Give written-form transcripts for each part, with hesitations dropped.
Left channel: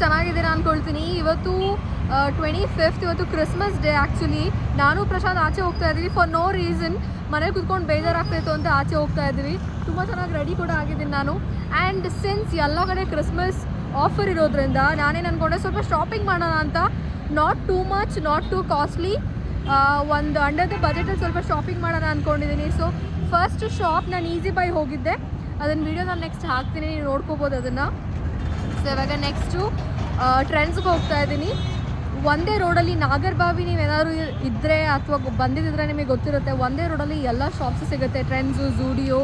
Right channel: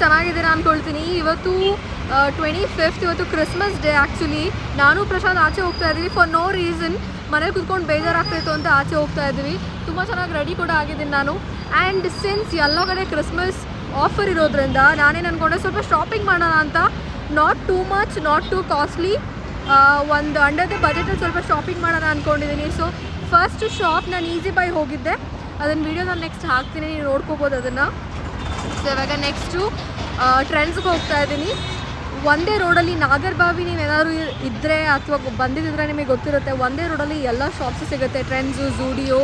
ಚೆನ್ನಾಗಿದ್ದೀರಾ ಅಂದ್ಕೊಳ್ತೀನಿ. ಇವತ್ತು 25th, ಇವತ್ತು ಕ್ರಿಸ್ಮಸ್ ಡೇ. ಆ್ಯಕ್ಚುಲಿ ನಾನು ಪ್ರಶಾಂತ್ ಆಚೆ ಹೋಗ್ತಾ ಇದ್ದೀವಿ ಫಾರ್ ನೋ ರೀಸನ್. ಮನೇಲಿ ಕುತ್ಕೊಂಡು ಬೇಜಾರಾಗ್ತಾಯಿತ್ತು ಅಂತ ಆಚೆ ಹೋಗ್ತಾ ಇದ್ದೀವಿ. ತುಂಬ ಚೆನ್ನಾಗಿ ರೆಡಿ ಕೂಡ ಆಗಿದ್ದೀನಿ ನಾನು. ಆ್ಯಂಡ್ ಸಿನ್ಸ್ ಎಲ್ಲ ಕಡೆ ಕ್ರಿಸ್ಮಸ್ ಆಫರ್ ಇರೋದ್ರಿಂದ ನಾನೇನು ಅಂದ್ಕೊಂಡೆ ಸ್ವಲ್ಪ ಶಾಪಿಂಗ್ ಮಾಡೋಣ ಅಂತ. Not too much, not two costly, ಒಂದು ಅಂಡರ್ ದ ಬಜೆಟಲ್ಲಿ ಸ್ವಲ್ಪ ಶಾಪಿಂಗ್ ಮಾಡೋಣ ಅಂದ್ಕೊಂಡಿದ್ದೀನಿ. ಸೊ ಫಸ್ಟ್ ಶಾಪ್ ನಾನು ಈಸಿ ಬೈ ಹೋಗಿದ್ದೆ, ಅದನ್ನು ವೀಡಿಯೋ ನಾನು ನೆಕ್ಸ್ಟ್ ಹಾಕ್ತೀನಿ, ನೀವು ನೋಡ್ಕೋಬೋದು ಅದನ್ನು. ಸೊ ಇವಾಗ ನೆಕ್ಸ್ಟು ಟ್ರೆಂಡ್ಸ್ಗೆ ಹೋಗ್ತಾ ಇದ್ದೀನಿ. ಒಂದೇ ರೋಡಲ್ಲಿ ನಾಗರಬಾವಿ ನೀವೇನಾದ್ರು ಇದ್ದರೆ ಅಥವಾ ಬಂದಿದ್ದರೆ ನಿಮಗೆ ಗೊತ್ತಿರುತ್ತೆ, ಒಂದೇ ರೋಡಲ್ಲಿ ಎಲ್ಲ ಶಾಪ್ಸು ಸಿಗುತ್ತೆ. ಟ್ರೆಂಡ್ಸು, ಝೂಡಿಯೋ,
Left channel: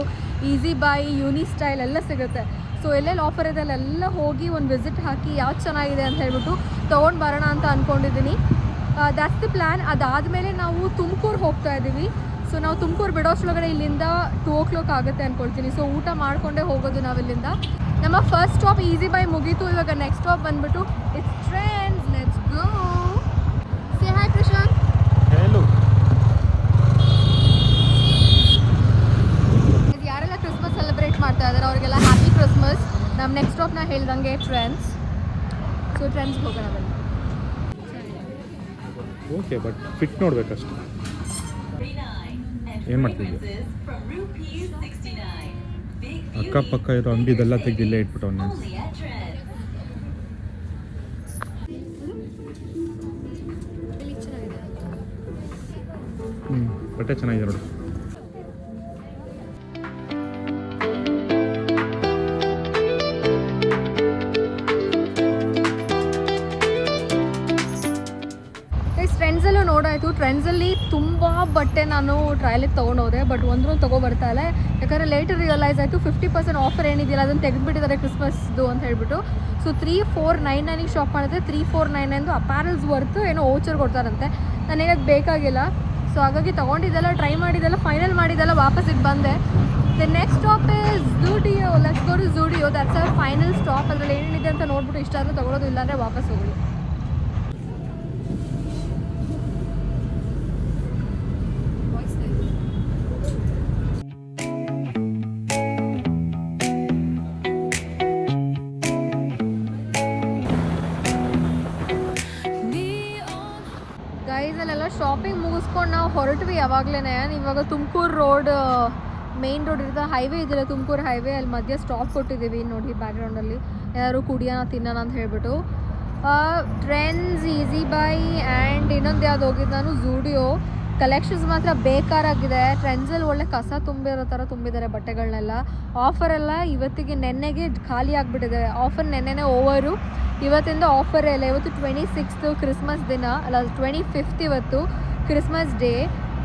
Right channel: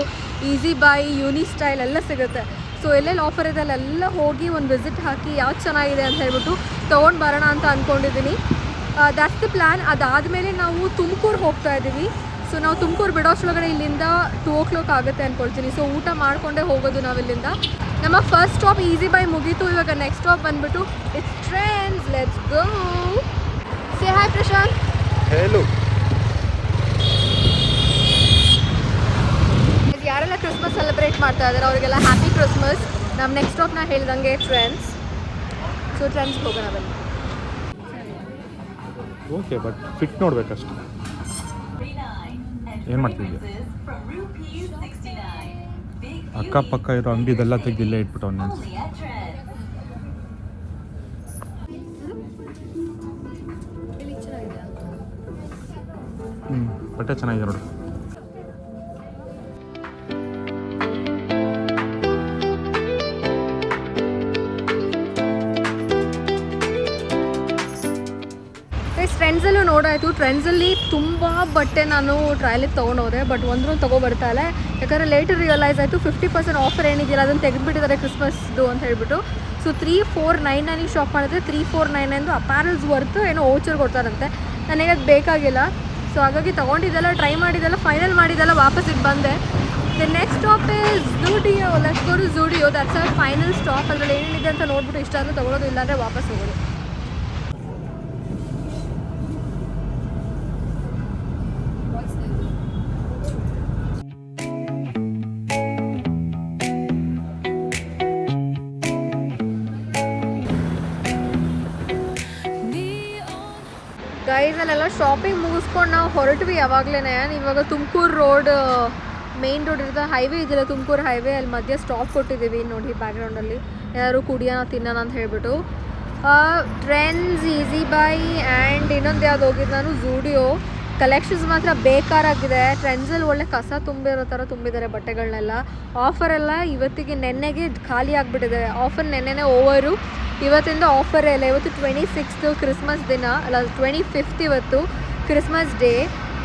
ಈಸಿ ಬೈ, ಯೂನಿ ಸ್ಟೈಲ್ ಎಲ್ಲ ಸಿಗುತ್ತೆ. ಸೊ ಎಲ್ಲೆಲ್ಲಿ ಆಫರ್ ಇದೆ ಅಲ್ಲೆಲ್ಲ ಹೋಗಿ ಒಂದು ವಿಸಿಟ್ ಹಾಕಿ ಯಾವ್ದು ಚೆನ್ನಾಗಿದೆ ಅಂತ ಹೇಳ್ಬಿಟ್ಟು ತೊಗೊಂಡು ಬರೋಣ ಅಂತ ಅಂದ್ಕೊಂಡಿದ್ದೀನಿ. That's the plan. ಅದಾದಮೇಲೆ ನಾವು ತುಮಕೂರು ಹೋಗ್ತಾ ಇದ್ದೀವಿ. ಸೊ ನಾವು ತುಮಕೂರು ಬಿಡೋಷ್ಟೊಳಗಡೆ ಇಲ್ಲಿಂದ 2 o'clock ಆಗುತ್ತೆ ಅಂದ್ಕೊಳ್ತೀನಿ. ಸೊ ಊಟ ಮಾಡಿಕೊಂಡೇ ಹೋಗೋದು ನಾವಿಲ್ಲಿಂದ. ನಮ್ಮ ಫಸ್ಟ್ ಸ್ಟಾಪ್ ಈಸಿ ಬೈ ಮುಗೀತು. ಇವಾಗ ನೆಕ್ಸ್ಟ್ ಸ್ಟಾಪ್ ಬಂದುಬಿಟ್ಟು it's trends. Let's go. Say hi Prashant. ಹೇಳು. ಯಾರೆಲ್ಲ ಕ್ರಿಸ್ಮಸ್ ಸೆಲೆಬ್ರೇಟ್ ಮಾಡ್ತಾ ಇದ್ದಾರೆ ಅವರಿಗೆಲ್ಲ ಹ್ಯಾಪಿ ಕ್ರಿಸ್ಮಸ್. ನಮ್ಮ ನೆಕ್ಸ್ಟ್ ಸ್ಟಾಪ್ ನಾ ಹೇಳ್ದಂಗೆ ಟ್ರೆಂಡ್ಸ್. ಸೊ ಟ್ರೆಂಡ್ಸ್ಗೆ ಹೋಗೋಣ ಬನ್ನಿ. ಓಕೆ, ಬಟ್ ಫಿಟ್ ನೋಡ್ಬೇಕಷ್ಟು. ಏನು ಮಾಡ್ತಿದ್ಯಾ? ಅಕ್ಕಪಕ್ಕ ಇರೋ ಅಂಗಡಿದೆಲ್ಲ ತೆಗೆದಿಲ್ಲೇ ಇಟ್ಬಿಟ್ಟು ಅವನ್ನ. ಬಟ್ಟೆ ಚೆನ್ನಾಗಿದೆ ನೋಡು. ಟ್ರೆಂಡ್ಸಲ್ಲೂ ನೋಡಾಯಿತು. ಟ್ರೆಂಡ್ಸಲ್ಲಿ ತುಂಬ ಬಟ್ಟೆ ನಾನು ಟ್ರಯಲಿಗೆ ತೊಗೊಂಡೋದೆ, ಬಟ್ ಒಂದ್ರೂ ತೊಗೊಬರ್ತಾ ಇಲ್ಲ. ಯಾಕಂದರೆ ಲೇಟರ್ ರಿಯಲೈಸ್ ಆಯಿತು 50% ಆಫರ್ ಏನಿದೆಯಲ್ಲ ಅದನ್ನು ತೆಗೆದುಬಿಟ್ಟಿದ್ದಾರೆ ಕ್ರಿಸ್ಮಸ್ದು ಅಂತ ಹೇಳ್ಬಿಟ್ಟು. ಸೊ 3499 ಶಾಪ್ ಮಾಡಿದ್ರೆ 3499 ಅಪ್ಯಾರಲ್ಸ್ ವರ್ತ್ ಏನೋ ಓಚರ್ ಕೊಡ್ತಾರಂತೆ. ನನಗೆ ಅದು ಬೇಕಾಗಿಲ್ಲ. ಸೊ ಹಾಗಾಗಿ ತೊಗೊಂಡಿದ್ದೆಲ್ಲ, ಟ್ರೈ ಮಾಡಿದ್ದೆಲ್ಲ, ಫೈನಲ್ ಮಾಡಿದ್ದೆಲ್ಲ ವಾಪಸ್ಸಿಗೆ ಬಂದೆ. The next stop is Zudio. Let's go to Zudio. That's our final stop. ಅದರಲ್ಲಿ ಏನೇನಿದೆ ಅಂತ ನೋಡ್ಬಿಟ್ಟು ಇಷ್ಟ ಆದರೆ ತೊಗೊಳೋದು, ಇಲ್ಲಾಂದರೆ ವಾಪಸ್ ಹೋಗೋದು. ಗೈಸಲ್ಲೆಲ್ಲ ಶಾಪಿಂಗ್ ಮುಗಿಸ್ಕೊಂಡು ನಾವು ಹೊರಟ್ವಿ ಯಾವಾಗಲೇ. ಇವಾಗ ತುಮಕೂರು ರೋಡ್, ಮೇನ್ ರೋಡ್ ಇರುತ್ತೆ, ಹೈವೇ ಇದೆಯಲ್ಲ ತುಮಕೂರು ಹೈವೇ, ಅಲ್ಲಿ ಮಧ್ಯೆ ಸ್ಟಾಪ್ ಕೊಟ್ಟಿದ್ದೀವಿ ನೋಡಿ ಬ್ಯಾಕ್ಗ್ರೌಂಡಲ್ಲಿ. ಏನಾದ್ರು ಕುಡಿಯೋಣ ತಿನ್ನೋಣ ಅಂತ ಹೇಳ್ಬಿಟ್ಟು. ಟ್ರೆಂಡ್ಸ್, ಈಸಿ ಬೈ ಆ್ಯಂಡ್ ಇನ್ನೊಂದು ಯಾವ್ದು ಹೋಗಿದ್ದು ನಾನು, ಝೂಡಿಯೋ. ಕಲೆಕ್ಷನ್ಸ್ ಮಾತ್ರ ಬೇಕಾರಾಗಿದೆ. ಟ್ರೆಂಡ್ಸಲ್ಲಿ ಒಳ್ಳೆ ಕಸ ತುಂಬಿರೋ ಥರ ತುಂಬಿದ್ದಾರೆ ಬಟ್ಟೆಗಳನ್ನೆಲ್ಲ. ಆಫರೆಲ್ಲ ಇವತ್ತಿಗೆ ನೆನ್ನೆಗೆ ಖಾಲಿ ಆಗಿಬಿಟ್ಟಿದೆ. ಆಫರ್ ನೆನ್ನೆನೇ ಓವರು, ಇವತ್ತಿಂದ ಆಫರೇ ಇಲ್ಲ. ಇವತ್ತು 26th ಕ್ರಿಸ್ಮಸ್ ದಿನ ಅಲ್ಲ, 25th ಇವತ್ತು ಕ್ರಿಸ್ಮಸ್ ಡೇ.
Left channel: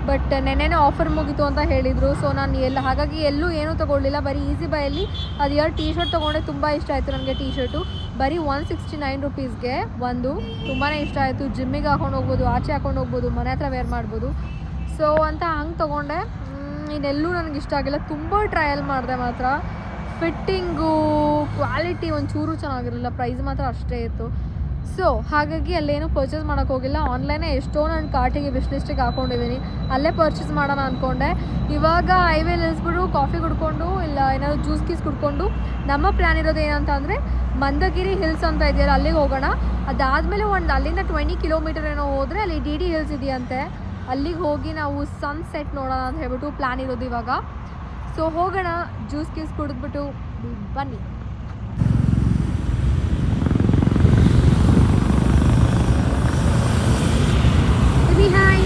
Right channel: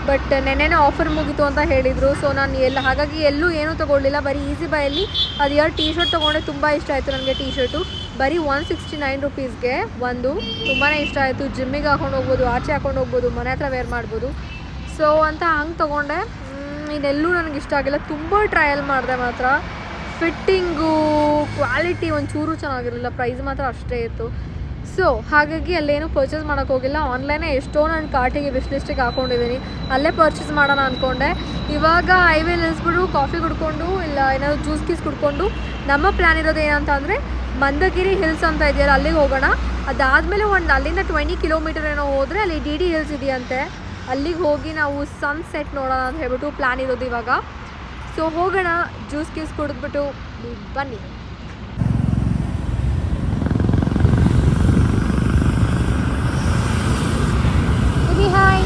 ಬಟ್ ನೆನ್ನೆನೇ ಆಫರ್ ಮುಗೀತು ಅಂತ ಹೇಳಿದರು. ಸೊ ನಾನು ಹಾಗಾಗಿ ಎಲ್ಲೂ ಏನೂ ತೊಗೊಳ್ಳಿಲ್ಲ. ಬರೀ ಈಸಿ ಬೈಯಲ್ಲಿ ಅದು 2 ಟೀ ಶರ್ಟ್ ತೊಗೊಂಡೆ. ತುಂಬ ಇಷ್ಟ ಆಯಿತು ನನಗೆ ಟೀ ಶರ್ಟು. ಬರೀ 169 rupeesಗೆ ಒಂದು. ತುಂಬಾ ಇಷ್ಟ ಆಯಿತು. ಜಿಮ್ಮಿಗೆ ಹಾಕೊಂಡು ಹೋಗ್ಬೋದು, ಆಚೆ ಹಾಕೊಂಡು ಹೋಗ್ಬೋದು, ಮನೆ ಹತ್ರ ವೇರ್ ಮಾಡ್ಬೋದು. ಸೊ ಅಂತ ಹಂಗೆ ತೊಗೊಂಡೆ. ಇನ್ನೆಲ್ಲೂ ನನಗೆ ಇಷ್ಟ ಆಗಿಲ್ಲ. ತುಂಬ ಟ್ರಯಲ್ ಮಾಡಿದೆ ಮಾತ್ರ. ಫಿಟ್ಟಿಂಗು, ಕ್ವಾಲಿಟಿ ಒಂಚೂರು ಚೆನ್ನಾಗಿರಲಿಲ್ಲ. ಪ್ರೈಸ್ ಮಾತ್ರ ಅಷ್ಟೇ ಇತ್ತು. ಸೊ ಹಾಗಾಗಿ ಅಲ್ಲೇನೂ ಪರ್ಚೇಸ್ ಮಾಡೋಕ್ಕೆ ಹೋಗಿಲ್ಲ. ಆನ್ಲೈನೇ ಎಷ್ಟೋ ನನ್ನ ಕಾರ್ಟಿಗೆ ವಿಶ್ ಲಿಸ್ಟಿಗೆ ಹಾಕ್ಕೊಂಡಿದ್ದೀನಿ. ಅಲ್ಲೇ ಪರ್ಚೇಸ್ ಮಾಡೋಣ ಅಂದ್ಕೊಂಡೆ. ಇವಾಗ ಹೈವೇ ನಿಲ್ಲಿಸ್ಬಿಟ್ಟು ಕಾಫಿ ಕುಡ್ಕೊಂಡು ಇಲ್ಲ ಏನಾದರೂ ಜ್ಯೂಸ್ ಗೀಸ್ ಕುಡ್ಕೊಂಡು ನಮ್ಮ ಪ್ಲ್ಯಾನ್ ಇರೋದು ಏನಂತ ಅಂದರೆ ಮಂದಗಿರಿ ಹಿಲ್ಸ್ ಅಂತ ಇದೆಯಲ್ಲ ಅಲ್ಲಿಗೆ ಹೋಗೋಣ. ಅದಾದಮೇಲೆ ಅಲ್ಲಿಂದ 20 ಕಿಲೋಮೀಟರ್ ಏನೋ ಹೋದರೆ ಅಲ್ಲಿ DD ಹಿಲ್ಸ್ ಇದೆಯಂತೆ. ಅಲ್ಲಿಗೆ ಹೋಗಿ ನಾವು ಸನ್ಸೆಟ್ ನೋಡೋಣ ಅಂತ ಹೇಳ್ಬಿಟ್ಟು ಪ್ಲ್ಯಾನ್ ಇರೋದು ಇವಾಗ. ಸೊ ಹೋಗೋಣ, ಜ್ಯೂಸ್ ಗೀಸ್ ಕುಡಿದ್ಬಿಟ್ಟು ಬನ್ನಿ. ಹಾಯ್.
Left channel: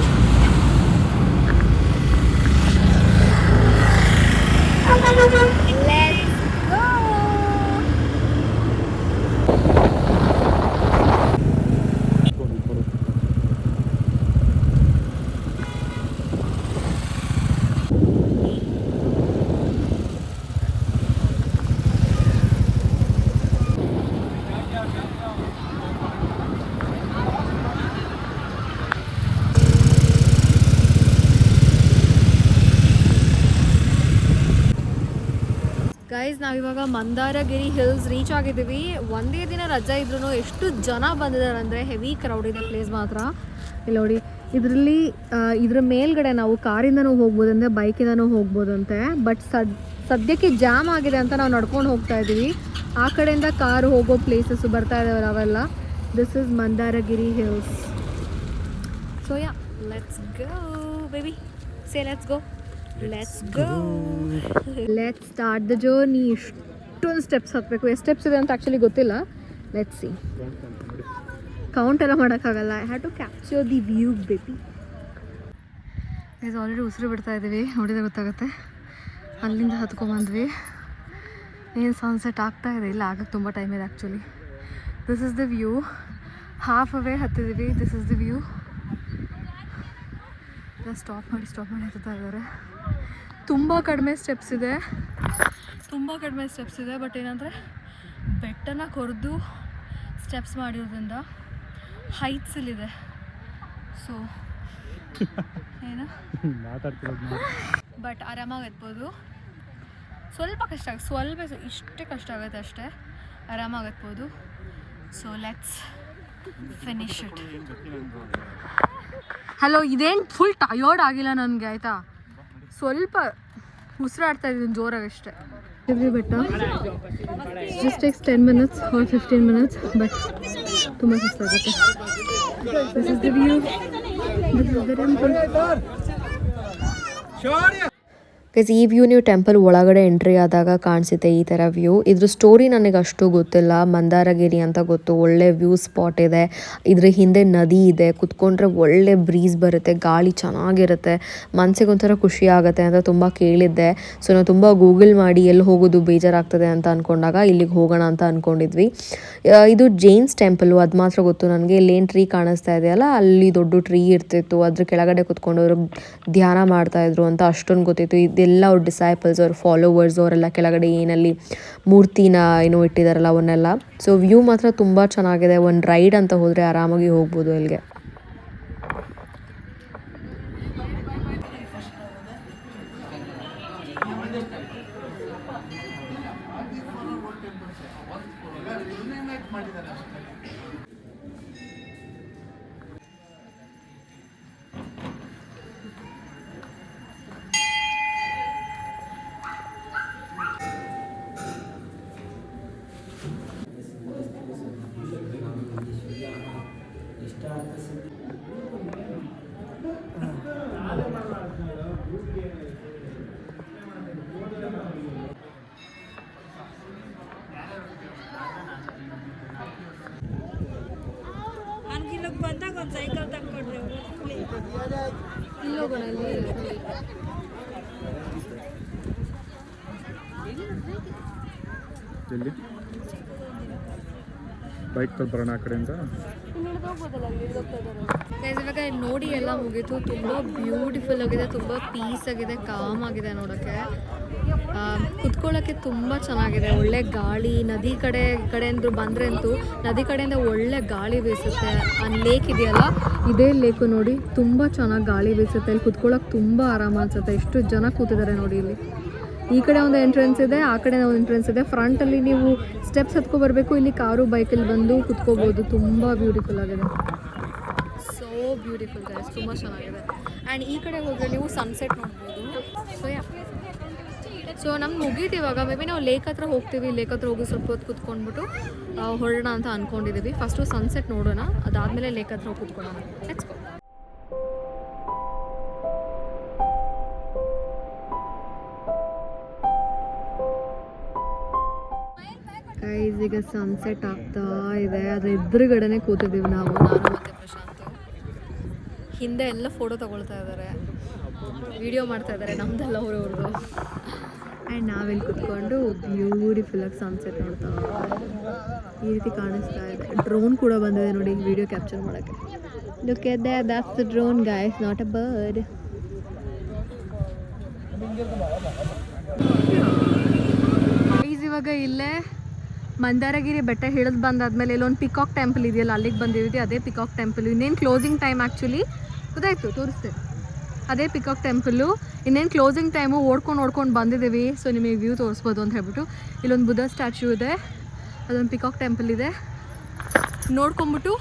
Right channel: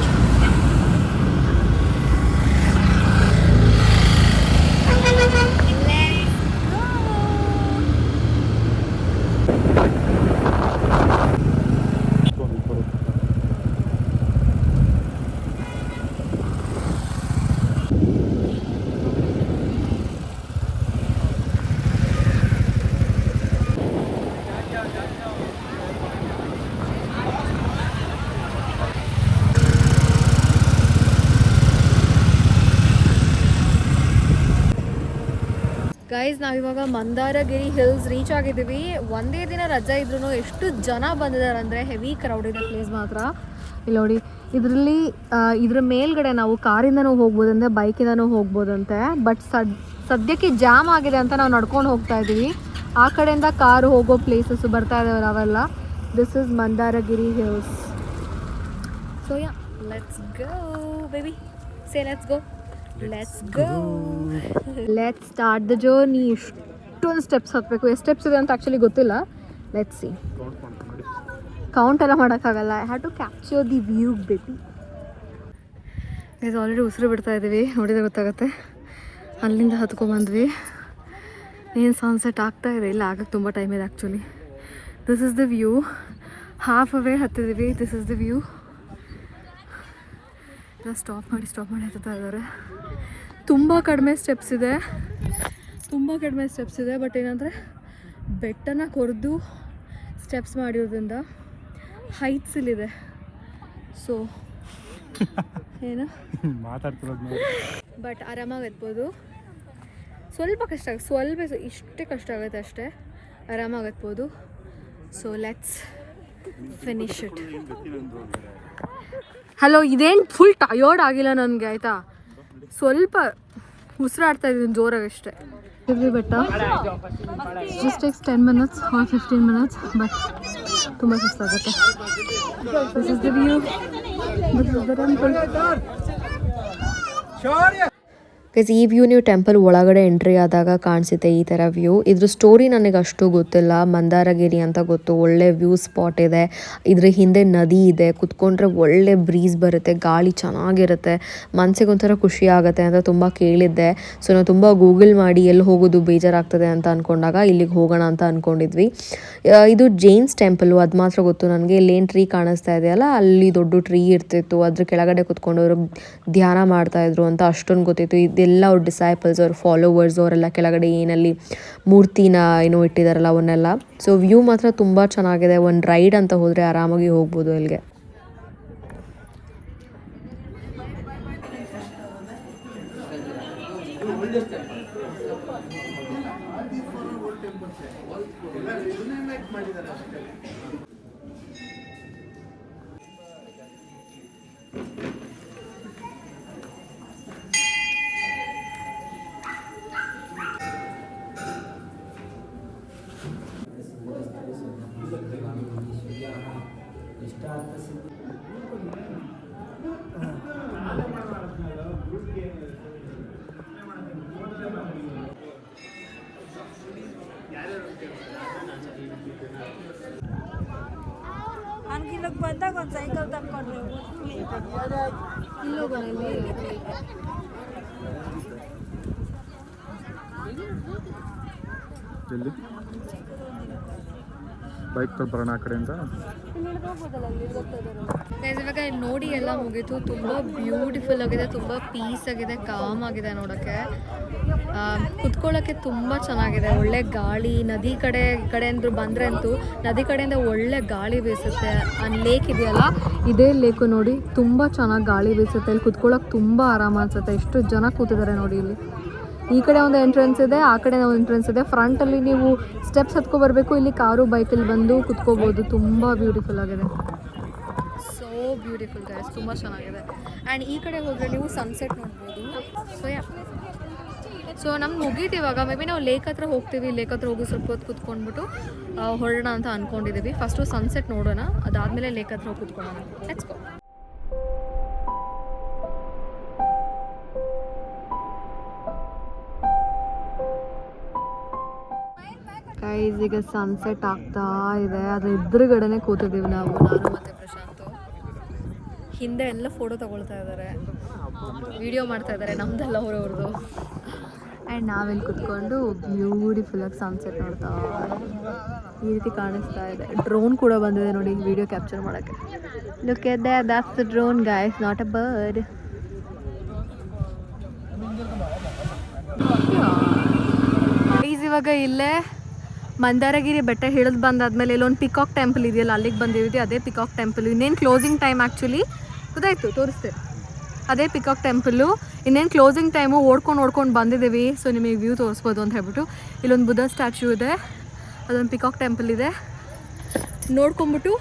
ಗೈಸ್ ನಾವಿವಾಗ ಮಂದಾರಗಿರಿ ಹಿಲ್ಸ್ ರೀಚ್ ಆಗಿದ್ದೀವಿ. ಒಂದೇ ದಿನ ರಜೆ ಇದ್ರೂ ಎಷ್ಟು ಜನ ಬಂದಿದ್ದಾರೆ ಅಂದರೆ ಹೆವಿ ಕ್ರೌಡ್ ಇದೆ ಪ್ಲೇಸ್ ಮಾತ್ರ. ಇಲ್ಲಿ ನೋಡಿ, ಇದರಲ್ಲಿ ಇದ್ರ ಮೇಲ್ಗಡೆ ನಾವು ಕಾರಿಂದನೂ ಹೋಗ್ಬೋದಂತೆ, ಬೈಕಿಂದನೂ ಹೋಗ್ಬೋದಂತೆ. ಬಟ್ ಸದ್ಯಕ್ಕೆ ಜಾಮ್ ಆಗಿದೆ ಅಂತ ನಾವು ನಡ್ಕೊಂಡು ಹೋಗ್ತಾ ಇದ್ದೀವಿ. ಆ ಕಡೆಯಿಂದ ಕಾರು ಹೋಗೋ ಪ್ಲೇಸಸ್ ಬರ್ತಾ ಇದ್ದಾವೆ ಅವೆಲ್ಲ. This is Mandaragiri hills. So yeah, let's go baby, say let's go. Let's start the journey. ಇಷ್ಟೊಂದು ಸ್ಟೆಪ್ಸ್ ಹತ್ತಬೇಕು. ಎಷ್ಟು ಸ್ಟೆಪ್ಸ್ ಇದೆ ಅಂತ ಆ್ಯಕ್ಚುಲಿ ಗೊತ್ತಿಲ್ಲ. Let's see. ಕೌಂಟ್ ಎಲ್ಲ ಮಾಡೋಕ್ಕಾಗಲ್ಲ. I have to capture the view baby. ಇದು ಆಲ್ರೆಡಿ ಉಸಿರು ಬಿಡ್ತಾ ಇದ್ದೀವಿ, ನೋಡಿದ್ರೆ ಗೊತ್ತಾಗುತ್ತೆ. ಅಲ್ಲಿಂದ ಹತ್ಕೊಂಡ್ಬಂದ್ವಿ. ಏನು ಸನ್ಸೆಟ್ ಆಗ್ತಾ ಇದೆ, ಇಲ್ಲ ಆಗಕ್ಕೆ ತುಂಬ ಟೈಮ್ ಇದೆ actually. This is the view. Halfway ಹತ್ತಿದ್ದೀವಿ. This is the view. Stop ಮಾಡಿ ಹತ್ತುತ್ತಾ ಇದ್ದಾರೆ. ತುಂಬ ಕಡಿಮೆ ಸ್ಟೆಪ್ಸ್ ಇದೆ. ಬಟ್ ಏನಂದರೆ ಬೆಟ್ಟನ ಕೊರೆದು ಸ್ಟೆಪ್ಸ್ ಮಾಡಿರೋದ್ರಿಂದ ಹೈಟ್ಸ್ ಇಲ್ಲಿದೆ. ಸೊ ಏನು ಬಟ್ ಆರಾಮಾಗಿ ಎತ್ಬೋದು. ಸ್ವಲ್ಪ ಕಷ್ಟ ಆಗುತ್ತೆ, ಇಷ್ಟೇ ಕಷ್ಟ ಆಗುತ್ತೆ ಅಷ್ಟೇ. ಆರಾಮಾಗಿ ಎತ್ಬೋದು. So let's finish it. Hello, ಇದೇನು ಫುಲ್ ಟಯರ್ಡ್ ಆಗಿಲ್ಲ ನನಗೆ, ಆಯಿತಾ? ಸ್ವಲ್ಪ ಉಸಿರಾಡ್ತಾ ಇದ್ದೀನಿ ಜೋರಾಗಿ ಅಷ್ಟೇ. ಇಲ್ಲಿ ಬೆಟ್ಟ just takes 10 minutes or 15 minutes, but ತುಂಬ ಸುಸ್ತಾಗುತ್ತೆ. This is the view. This is the temple. Guys, ಈ ವ್ಯೂ ನೀವು ಟೆಂಪಲ್ ಒಳಗಡೆ ಎಂಟ್ರಿ ಆದಾಗ ಕಾಣಿಸುತ್ತೆ ಈ ಥರ ವ್ಯೂ. ಇದ್ರ ಸ್ಟೋರಿ ನನಗೆ ಅಷ್ಟು ಗೊತ್ತಿಲ್ಲ. ಮಂದಾರಗಿರಿ ಅಂತ ಗೊತ್ತು, ಒಳ್ಳೆ ವ್ಯೂ ಸ್ಪಾಟ್ ಇದೆ. ಇದ್ರ ಹಿಂದೆ ನದಿ ಇದೆ, ಕುತ್ಕೊಂಡ್ರೆ ಒಳ್ಳೆ ಬ್ರೀಸ್ ಬರುತ್ತೆ, ಗಾಳಿ ಚೆನ್ನಾಗಿರುತ್ತೆ, ಮನಸ್ಸಿಗೆ ಒಂಥರ ಖುಷಿ ಆಗುತ್ತೆ ಅಂತ ತುಂಬ ಕೇಳಿದ್ದೆ. ಸೊ ನಾವು ತುಂಬ ಗೂಗಲ್ ಮಾಡಿ ಎಲ್ಲಿ ಹೋಗೋದು ಬೇಜಾರಾಗ್ತದೆ ಅಂತ ಅಂದ್ಕೊಂಡಾಗ ಇಲ್ಲಿಗೆ ಹೋಗೋಣ ಅಂತ ಅಂದ್ಕೊಂಡಿದ್ವಿ. ಇದು ಜೈನ್ಸ್ ಟೆಂಪಲ್ಲು, ಅದು ಮಾತ್ರ ಗೊತ್ತು ನನಗೆ. ಇಲ್ಲೇನು ಟ್ರೀ ಕಾಣಿಸ್ತಾ ಇದೆಯಲ್ಲ, ಅಲ್ಲಿ ದೊಡ್ಡ ಟ್ರೀ ಇರ್ತಿತ್ತು, ಅದ್ರ ಕೆಳಗಡೆ ಕುತ್ಕೊಂಡು ಅವರು ಧ್ಯಾನ ಮಾಡ್ತಾಯಿದ್ರು ಅಂತ ಅಷ್ಟೊಂದು ಗೊತ್ತಿತ್ತು. ಇದೆಲ್ಲ ಅವ್ರ ಡಿಸೈಪಲ್ಸ್, ಅವ್ರ ಫಾಲೋವರ್ಸ್, ಅವರೆಲ್ಲ ಕೆಳಗಡೆ ಏನಲ್ಲಿ ಮೂರ್ತಿನ ಏನೋ ಇಟ್ಟಿದ್ದಾರಲ್ಲ ಅವನ್ನೆಲ್ಲ. ಸೊ ವ್ಯೂ ಮಾತ್ರ ತುಂಬ ಚೆನ್ನಾಗಿದೆ. ಒಂದು ರೈಡ್ ಅಂತ ಹೋದರೆ ಆರಾಮಾಗಿ ಹೋಗ್ಬೋದು ಇಲ್ಲಿಗೆ. ಬಂದಾಗ ಒಂದು ಸೈಕಲ್ ತಕ್ಕೊಡ್ರಿ. ಎಲ್ಲಿ ಬೈಕ್ ತಗೊಂಡು ಬರೋಣ ಆ ಕಡೆಯಿಂದ. ಇವಾಗ ನೋಡಿ ಎಲ್ಲ ಮುಗೀತು. ತುಂಬ ಬ್ಯೂಟಿಫುಲ್ ಆಗಿದೆ, ತುಂಬ ಪೀಸ್ ಆಗಿದೆ, ಕಾಮ್ ಆಗಿದೆ ನೋಡೋಕ್ಕೆ. ಕುತ್ಕೊಳ್ಳೋಕ್ಕೆ ತುಂಬ ಚೆನ್ನಾಗಿದೆ. ಒಳ್ಳೆ ಗಾಳಿ, ನದಿ ಕಡೆಯಿಂದ ಬಂದರೆ ಅಂತೂ ನದಿ ಕಡೆಯಿಂದ ಒಳ್ಳೆ ಗಾಳಿ ಬೀಸುತ್ತೆ. ಆ ಲೇಕ್ ಇದೆಯಲ್ಲ, ಇದೇ ಲೇಕು ನೋಡಿ, ತುಂಬ ಚೆನ್ನಾಗಿ ಗಾಳಿ ಬೀಸುತ್ತೆ. ಇಲ್ಲಿ ಕುತ್ಕೊಳ್ಳೋಕೆ ತುಂಬ ಆರಾಮ ಅನಿಸುತ್ತೆ. ಎಷ್ಟು ಜನ ಕೂತಿದ್ದಾರೆ ನೋಡಿ. ಇಲ್ಲಿ ಈ ಕಡೆ ಒಂದು ಎಂಟ್ರೆನ್ಸ್ ಇದೆ, ಆ ಕಡೆ ಒಂದು ಎಂಟ್ರೆನ್ಸ್ ಇದೆ. ಫ್ರಂಟಲ್ಲಿ ನೀವು ಸ್ಟೆಪ್ಸ್ ಹತ್ಕೊಬರ್ಬೇಕು. ಇಲ್ಲಿ ಕಾರು ಬೈಕಲ್ಲಿ ಬಂದು ಕುತ್ಕೋಬೋದು. ತುಂಬ ಬ್ಯೂಟಿಫುಲ್ ಆಗಿದೆ. ಸೋ ಬ್ಯೂಟಿಫುಲ್ ಗೈಸ್, ತುಂಬ ಚೆನ್ನಾಗಿದೆ. ಆ್ಯಂಡ್ ಈ ಕಡೆ ಹೋದರೆ ನೀವು ಸನ್ಸೆಟ್ ನೋಡ್ಬೋದು. ಸೊ ನಮ್ಗೆ ಮುಗೀತು ಇವಾಗ. ಮೇ ಬಿ ನಾವು ಲೇಕ್ ಹತ್ರ ಹೋಗ್ತೀವಿ. ಲೇಕ್ ಹತ್ರ ಹೋಗಿ ಸ್ವಲ್ಪ ಹೊತ್ತು ಕುತ್ಕೊಂಡ್ಬಿಟ್ಟು ಹೊರಡೋಣ ಅಂತ ಅಂದ್ಕೊಂಡಿದ್ದೀವಿ. ಫಸ್ಟು ಸನ್ಸೆಟ್ ನೋಡೋಣ, ಅದಾದಮೇಲೆ ಲೇಕ್ ಹತ್ರ ಹೋಗಿ ಕುತ್ಕೊಳ್ಳೋಣ. Let's go. ಗೈಸ್, ಈಗ ಸನ್ಸೆಟ್ ಆಗ್ತಾ ಇದೆ. ಅದ್ರ ಎದುರುಗಡೆನೆ ಕೂತಿದ್ದೀವಿ ನಾವು, ನಾನು ಮತ್ತು ಪ್ರಶಾಂತ್. ಹಿಂದೆ ಎಲ್ಲ ಫೋಟೋ ತಗೊಳ್ತಾ ಇದ್ದಾರೆ, ವಿಡಿಯೋ ಮಾಡ್ತಾ ಇದ್ದಾರೆ, ನಮ್ದೆಲ್ಲ ಅವ್ರವ್ರದ್ದು. ಆ್ಯಂಡ್ ನಾವಿಲ್ಲಿ ಕುತ್ಕೊಂಡು ಬ್ಯೂಟಿಫುಲ್ಲಾಗಿ ಸನ್ಸೆಟ್ ನೋಡ್ತಾ ಈ ರೀತಿ ಕಾಣಿಸ್ತಾ ಇದೆ. ಡ್ರೋನ್ ಕೂಡ ಬಂದಿದೆ ನೋಡಿ ವಿಡಿಯೋ ಕ್ಯಾಪ್ಚರ್ ಮಾಡೋಕ್ಕೆ. Look at there, that's the drone guys, not a bird. ಇವಾಗ ಇಲ್ಲೇ ಮಂದಾರಗಿರಿ ಬೆಟ್ಟ ಹಿಡಿದು ಬಂದಾದ್ಮೇಲೆ ಇಲ್ಲೊಂದು ಪಿಕಾಕ್ ಟೆಂಪಲ್ ಇದೆಯಲ್ಲ, ಅಲ್ಲಿಗೆ ಬಂದಿದ್ದೀವಿ. ಅದೇ ಪಿಕಾಕ್ ಟೆಂಪಲ್. ಇನ್ನೇನು ಕ್ಲೋಸಿಂಗ್ ಟೈಮ್ ಆ್ಯಕ್ಚುಲಿ ಗೊತ್ತಾಯ್ತು, ತೋರಿಸ್ತೇನೆ. ಅದೇ ಪಿಕಾಕ್ ಟೆಂಪಲ್ಲು. ಇನ್ನೇನು ಕ್ಲೋಸಿಂಗ್ ಟೈಮು ಓಡ್ಕೊಂಡು ಬಂದಿದ್ದೀವಿ. ಸೊ ನಿಮಗೆ ವ್ಯೂ ತೋರಿಸ್ಬೋದು ಅಂತ ಹೇಳ್ಬಿಟ್ಟು. ಇಲ್ಲೊಂದು ಬುದ್ಧ ಸ್ಟ್ಯಾಚ್ಯೂ ಇದೆ, ಅದೊಂದು ಪಿಕಾಕ್ ಟೆಂಪಲ್ ಇದೆ. ನೋಡ್ಕೊಂಬಿಟ್ಟು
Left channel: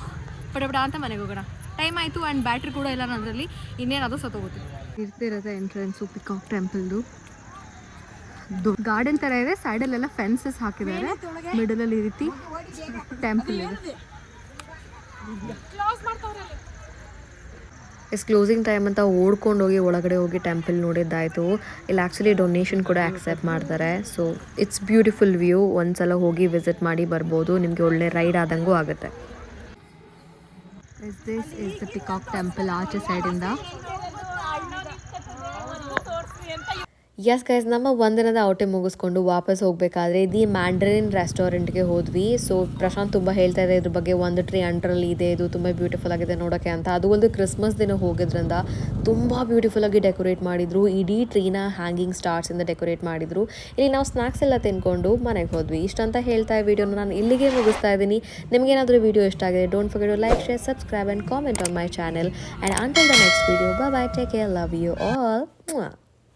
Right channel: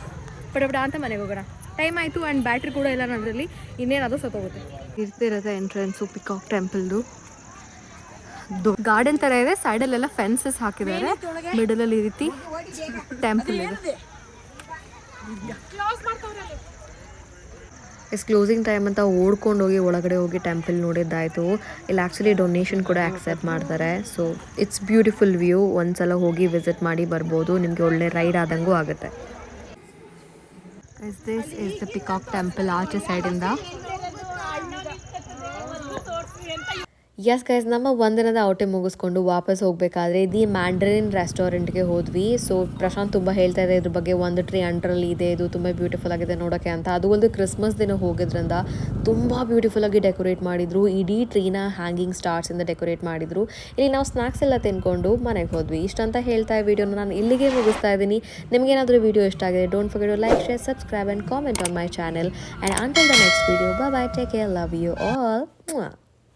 ಪಟ ಅಂತ ಮನೆಗೆ ಹೋಗೋಣ. ಟೈಮ್ ಆಯಿತು ಆ್ಯಂಡ್ ಬ್ಯಾಟ್ರಿ ಕೂಡ ಇಲ್ಲ ನನ್ನದ್ರಲ್ಲಿ, ಇನ್ನೇನದು ಸತ್ತೋಗುತ್ತೆ. ಇರ್ತಿರುತ್ತೆ ಎಂಟ್ರೆನ್ಸು ಪಿಕಾಕ್ ಟೆಂಪಲ್ದು. ಗಾರ್ಡನ್ ಥರ ಇದೆ, ಸೈಡಲ್ಲೆಲ್ಲ ಫೆನ್ಸಸ್ ಹಾಕಿದ್ದಾರೆ, ಮಿಡಲಲ್ಲಿ ಈ ರೀತಿ ಟೆಂಪಲ್ ಇದೆ. ಕ್ಲೋಸಿಂಗ್ ಟೈಮ್ ಅಂತ ಓಡ್ಕೊಂಡು ಹೋಗಿ ಒಳಗಡೆ ಹೋಗಿ ಟೆಂಪಲ್ ನೋಡಿದ್ದಾಯಿತು. ಇಲ್ಲಿ ಆ್ಯಕ್ಚುಲಿ ಡೊನೇಷನ್ ಕೂಡ ಆಕ್ಸೆಪ್ಟ್ ಮಾಡ್ತಾರೆ. So it's beautiful view. ಒಂದ್ಸಲ ಹೋಗಿ ವಿಸಿಟ್ ಮಾಡಿ ಬರ್ಬೋದು, ನಿಮಗೆ ಒಳ್ಳೆ ರೈಡ್ ಆದಂಗೂ ಆಗುತ್ತೆ. This is the peacock temple ಆಚೆ ಸೈಡಿಂದ. ಎಸ್ ಗೈಸ್, ನಮ್ಮ ಒಂದಿನದ ಔಟಿಂಗ್ ಮುಗಿಸ್ಕೊಂಡು ವಾಪಸ್ ಹೋಗಬೇಕಾದ್ರೆ ದಿ ಮ್ಯಾಂಡ್ರಿನ್ ರೆಸ್ಟೋರೆಂಟ್ಗೆ ಹೋದ್ವಿ. ಸೊ ಪ್ರಶಾಂತ್ ತುಂಬ ಹೇಳ್ತಾ ಇದೆ ಇದ್ರ ಬಗ್ಗೆ, ಒಂದು ಟ್ರೀ ಅಂಡರಲ್ಲಿ ಇದೆ, ಇದು ತುಂಬ ಬ್ಯೂಟಿಫುಲ್ ಆಗಿದೆ ನೋಡೋಕ್ಕೆ ಅಂತ. ಅದು ಒಂದು ಕ್ರಿಸ್ಮಸ್ ದಿನ ಹೋಗಿದ್ರಿಂದ ತುಂಬ ಬ್ಯೂಟಿಫುಲ್ಲಾಗಿ ಡೆಕೋರೇಟ್ ಮಾಡಿದರು. ಇಡೀ ಟ್ರೀನ ಹ್ಯಾಂಗಿಂಗ್ ಸ್ಟಾರ್ಸಿಂದ ಡೆಕೋರೇಟ್ ಮಾಡಿದರು. ಇಲ್ಲಿ ನಾವು ಸ್ನ್ಯಾಕ್ಸ್ ಎಲ್ಲ ತಿನ್ಕೊಂಡು ಮನೆಗೆ ಹೋದ್ವಿ. ಇಷ್ಟಂತ ಹೇಳ್ತಾ ವಿಡಿಯೋನ ನಾನು ಇಲ್ಲಿಗೆ ಮುಗಿಸ್ತಾ ಇದ್ದೀನಿ. ನಿಮಗೇನಾದರೂ ವಿಡಿಯೋ ಇಷ್ಟ ಆಗಿದೆ, don't forget to like, share, subscribe and comment on my channel. And until the next video, bye bye, take care, love you all.